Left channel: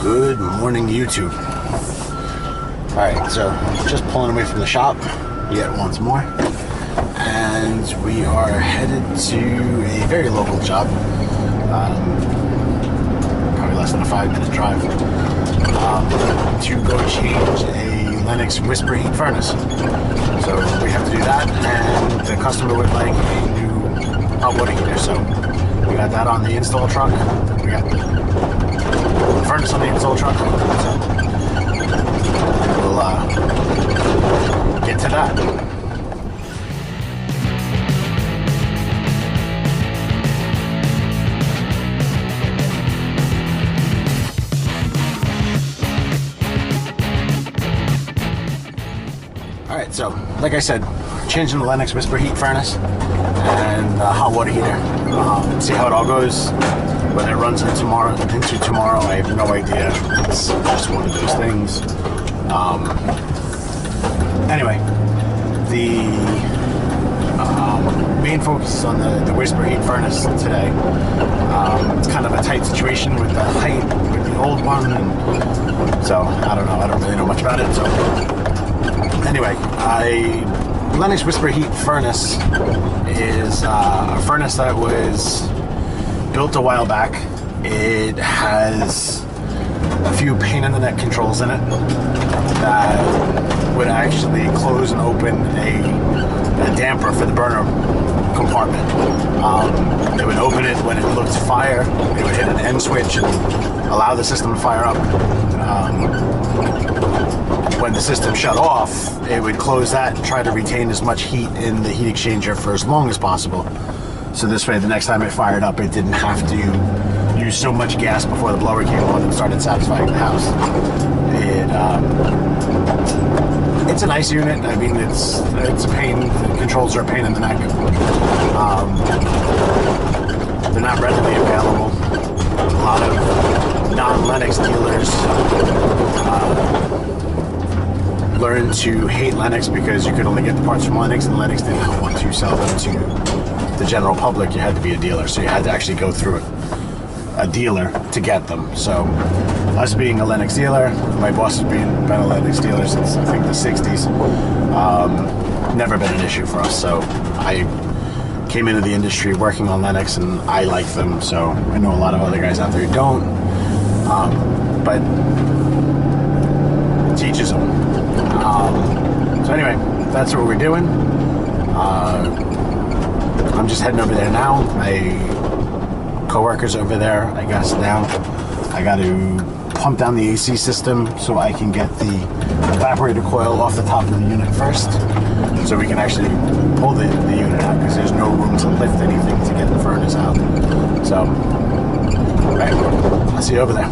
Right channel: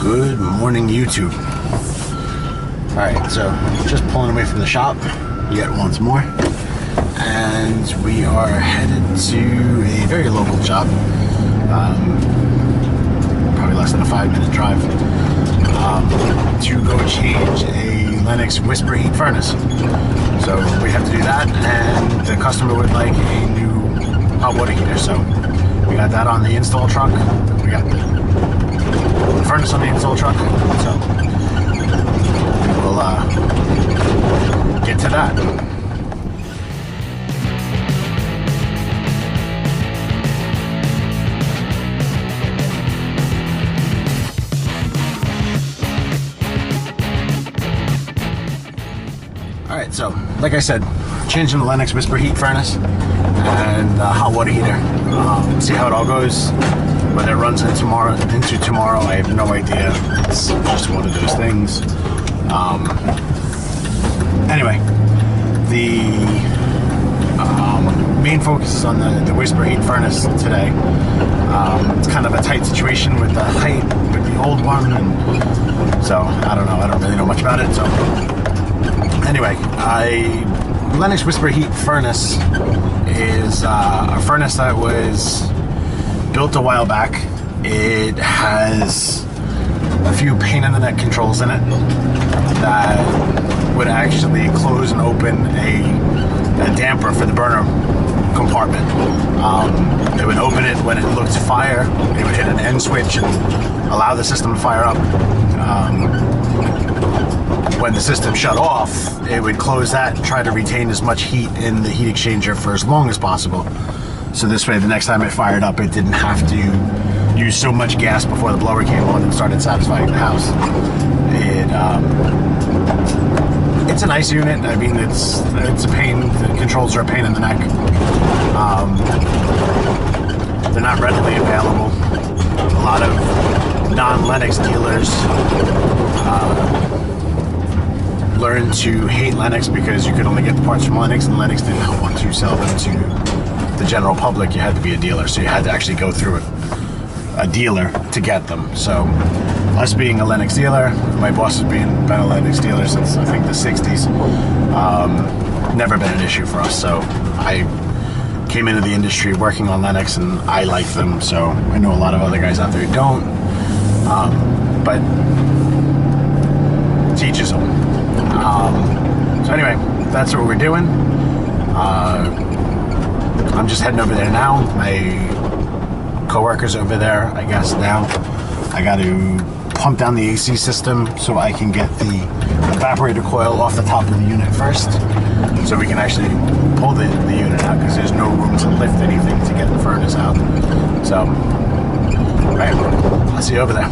Good morning, YouTube. Alright, so just pulling away from the shop yet once more, and we are headed to a very local job, probably less than a 5-minute drive, to go change a LENNOX whisper heat furnace. So we have to do that, and the customer would like a new hot water heater, so we got that on the install truck. We got the furnace on the install truck, so we'll get to that. Alright, so like I said, changing the LENNOX whisper heat furnace and hot water heater. See how it all goes. Whether it runs into tomorrow, I have no idea. It's just one of those things. Anyway, the main focus is on the whisper heat furnace today. It's kind of a tight situation with the height with the old one, and so I don't know. I don't really know much about it. So anyway, LENNOX whisper heat furnace is a furnace that was built a while back. It has a few pain in the neck controls in it that would actually close and open a damper for the burner compartment. It would open it when it looked fire. It would hit an end switch and allow the system to fire up. When the system shut off, it would close that and try to retain as much heat in the heat exchanger for as long as possible. So this way, the next time it fired up, it didn't have to use so much gas before the blower came on and started satisfying the house. It's a nice unit. I mean, it's a pain. The controls are a pain in the neck. They're not readily available. A lot of non-LENNOX dealers learned to hate LENNOX because you could only get the parts from LENNOX, and LENNOX did not want to sell them to the general public. You had to be a dealer, so you had to actually go through a dealer to get them. So us being a LENNOX dealer, my boss has been a LENNOX dealer since I think the 60s, never been an issue for us. So I came into the industry working on LENNOX, and I like them. So I know a lot of other guys out there who don't, but teaches them. So anyway, that's what we're doing. I'm just heading over there now. My co-worker's over there, I guess, now. I got to pump down the AC system so I can get the evaporator coil off the top of the unit first, so we can actually pull the unit out, because there's no room to lift anything to get the furnace out. So, alright, I'll see you over there.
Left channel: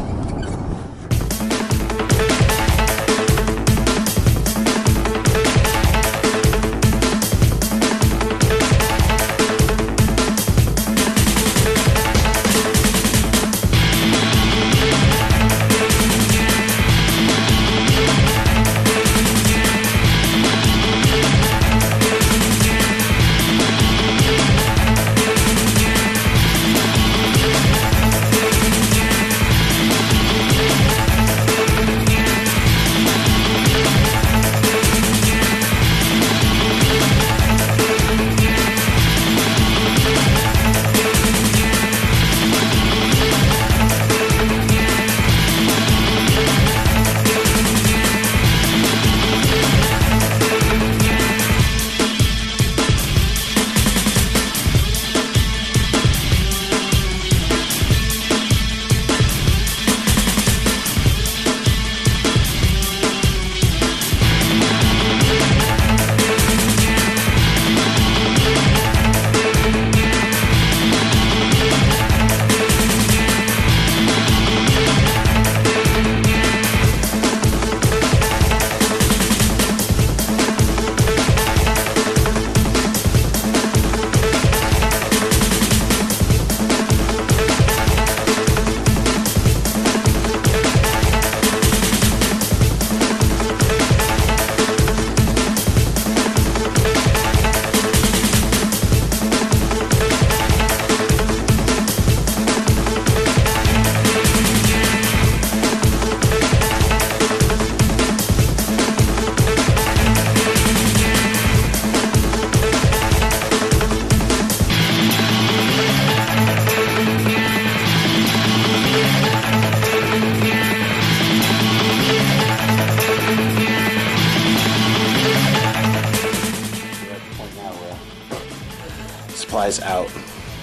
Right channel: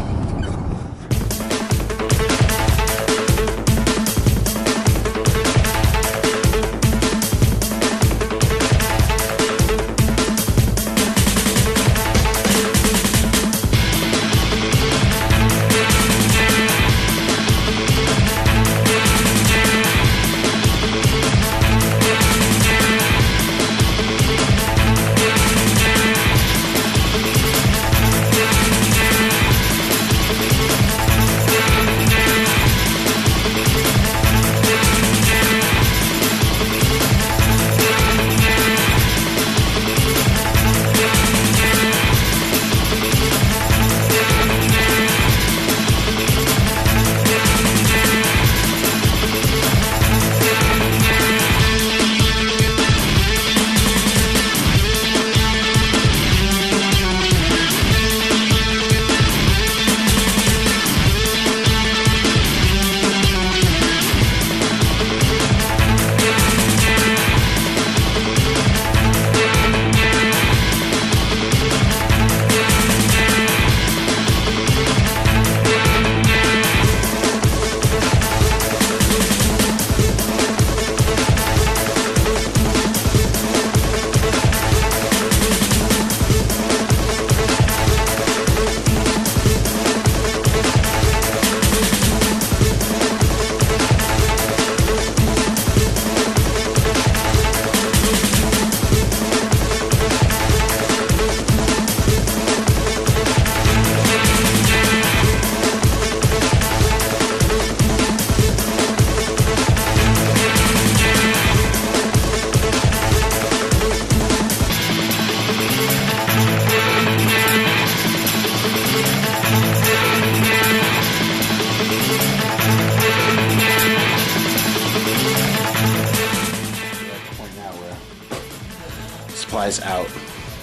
plies out,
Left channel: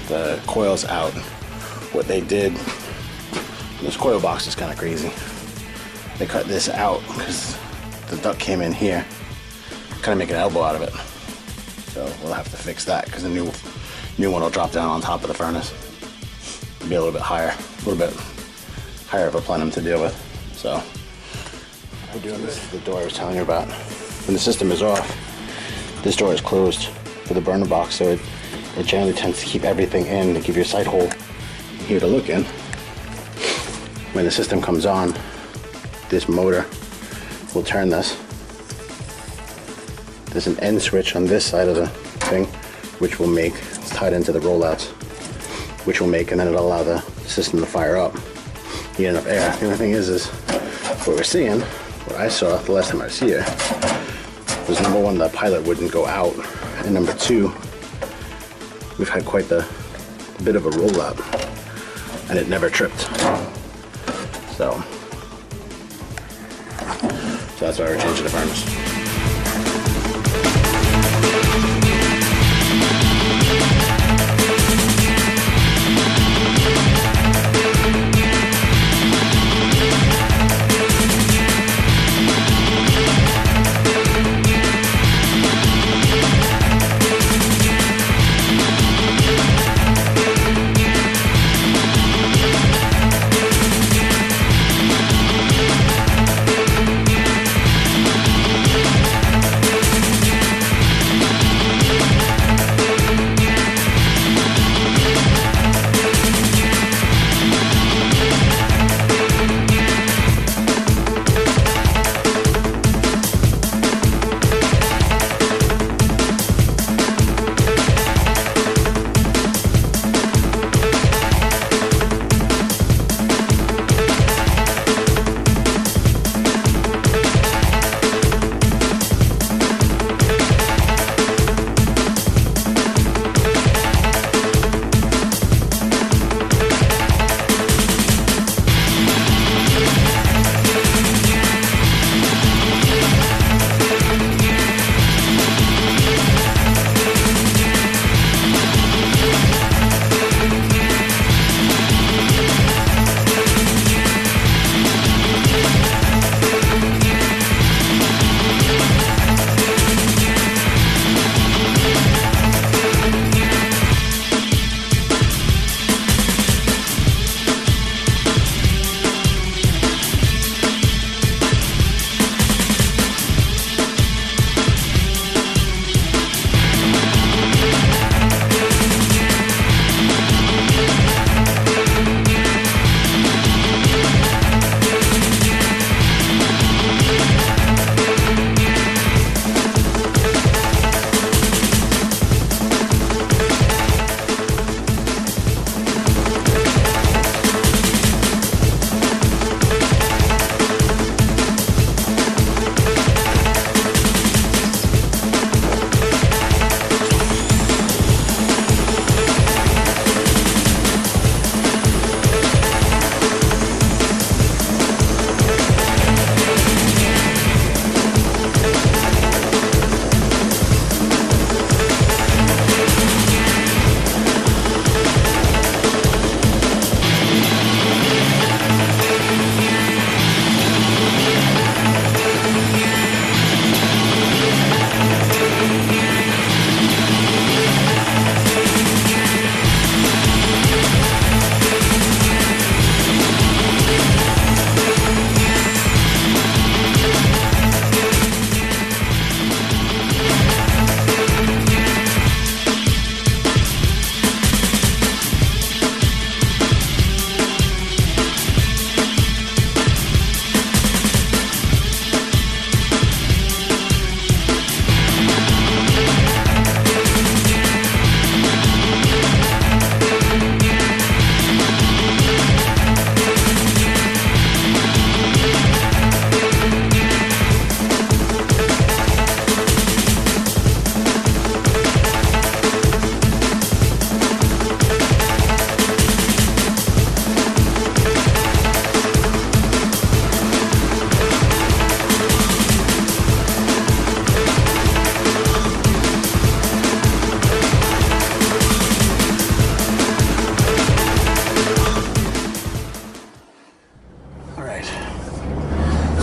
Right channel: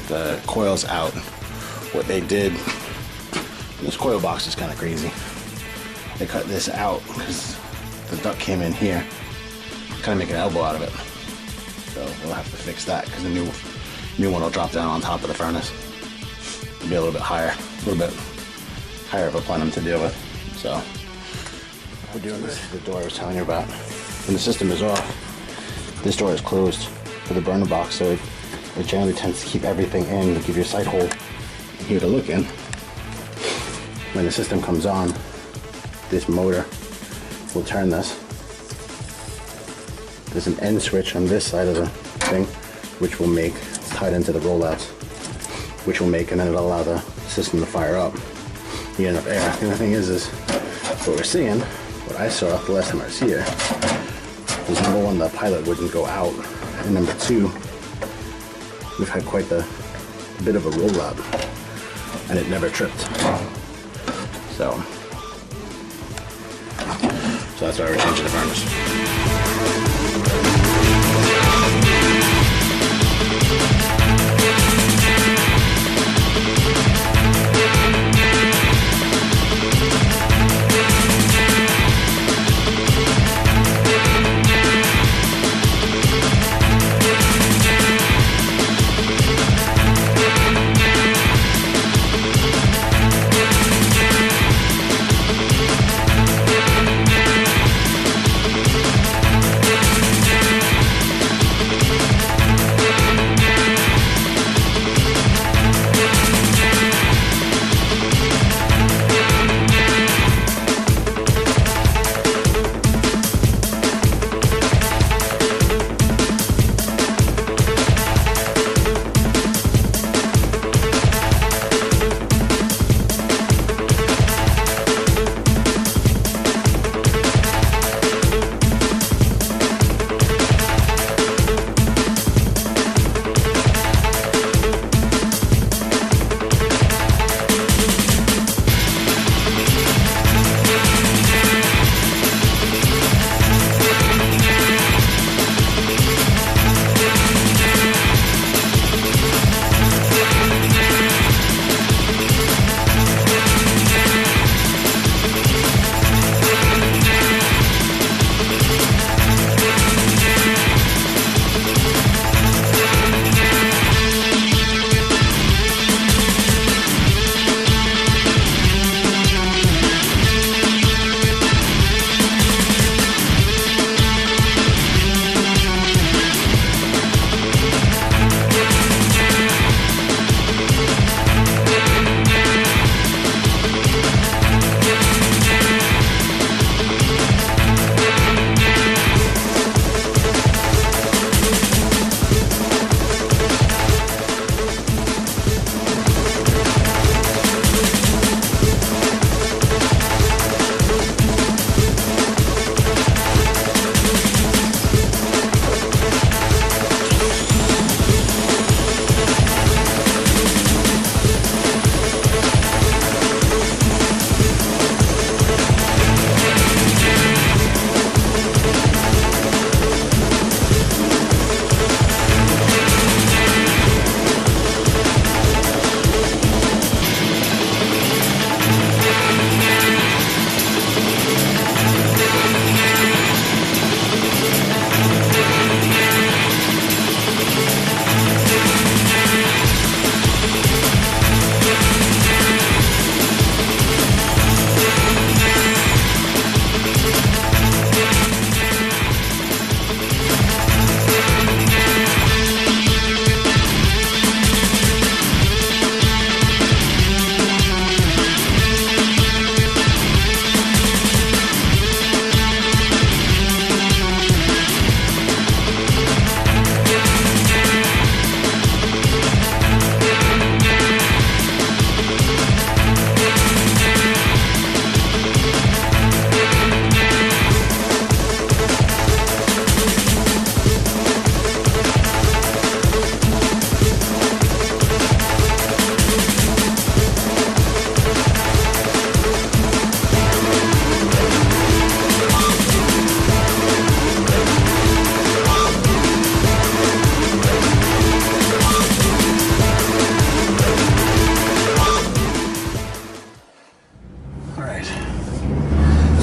the coils out. What they did, this coil box is kind of crazy. They cut this out because the duct came in here, kind of make an elbow out of it. So we'll have to fix that because the new one will drop down on top of the furnace. It'll be a little bit higher of a plenum to deal with. So we're doing this. The door I was telling you about. When the system is off, this door is closed for the burner box, so it generally tends to keep everything in to give you a sight hole here to look in. When the system comes on, this motor will turn this. There's an end switch on this side of the thing, which will make, it's tied into the rollouts, which will make, and then it'll allow the system to fire up. You get enough air. The only thing is what we're seeing, what I saw the last time I was here, was number one, the pilot wouldn't go out, and number two, we've had quite the bit of a rollout, and it never tripped. So that's why we're changing the furnace.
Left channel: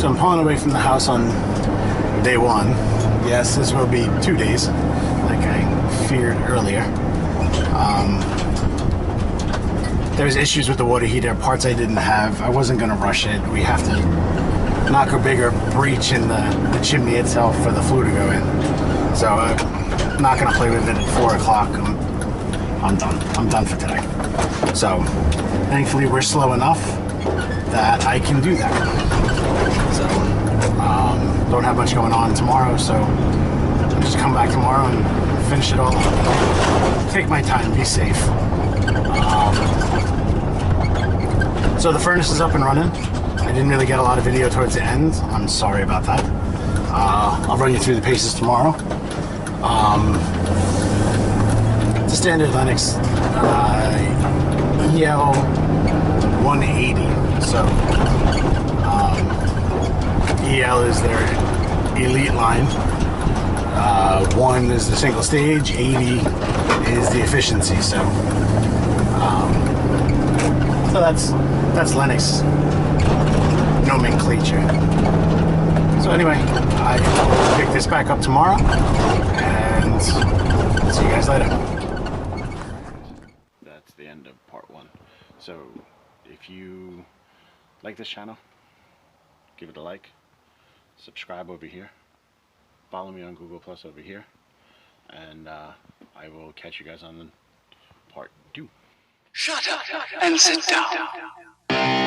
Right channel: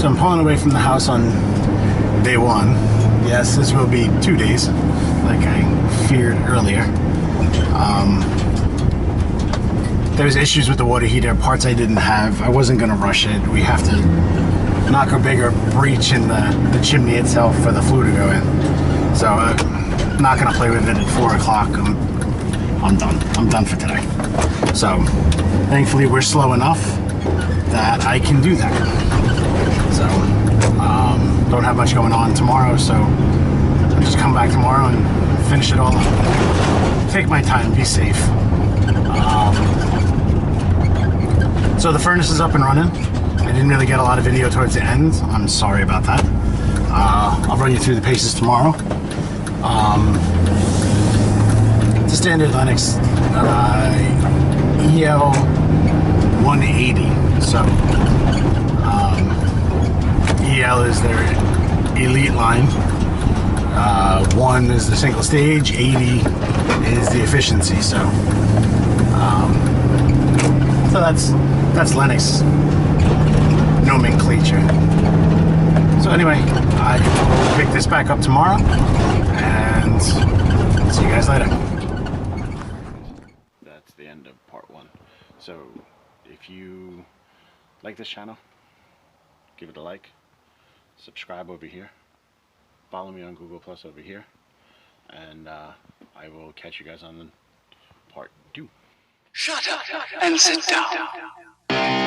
So I'm pulling away from the house on day 1. Yes, this will be 2 days, like I feared earlier. There's issues with the water heater, parts I didn't have. I wasn't going to rush it. We have to knock a bigger breach in the chimney itself for the flue to go in. So I'm not going to play with it at 4 o'clock. I'm done. I'm done for today. So thankfully we're slow enough that I can do that. So don't have much going on tomorrow, so I'll just come back tomorrow and finish it all up. Take my time, be safe. So the furnace is up and running. I didn't really get a lot of video towards the end. I'm sorry about that. I'll run you through the paces tomorrow. It's a standard LENNOX EL 180. So EL is their elite line. 1 is the single stage, 80 is the efficiency. So that's LENNOX nomenclature. So anyway, I will pick this back up tomorrow and see you guys later. That's the end of part 1. So if you like this channel, give it a like, subscribe over here, follow me on Google Plus over here, and I will catch you guys on part 2. Shut up and sit down.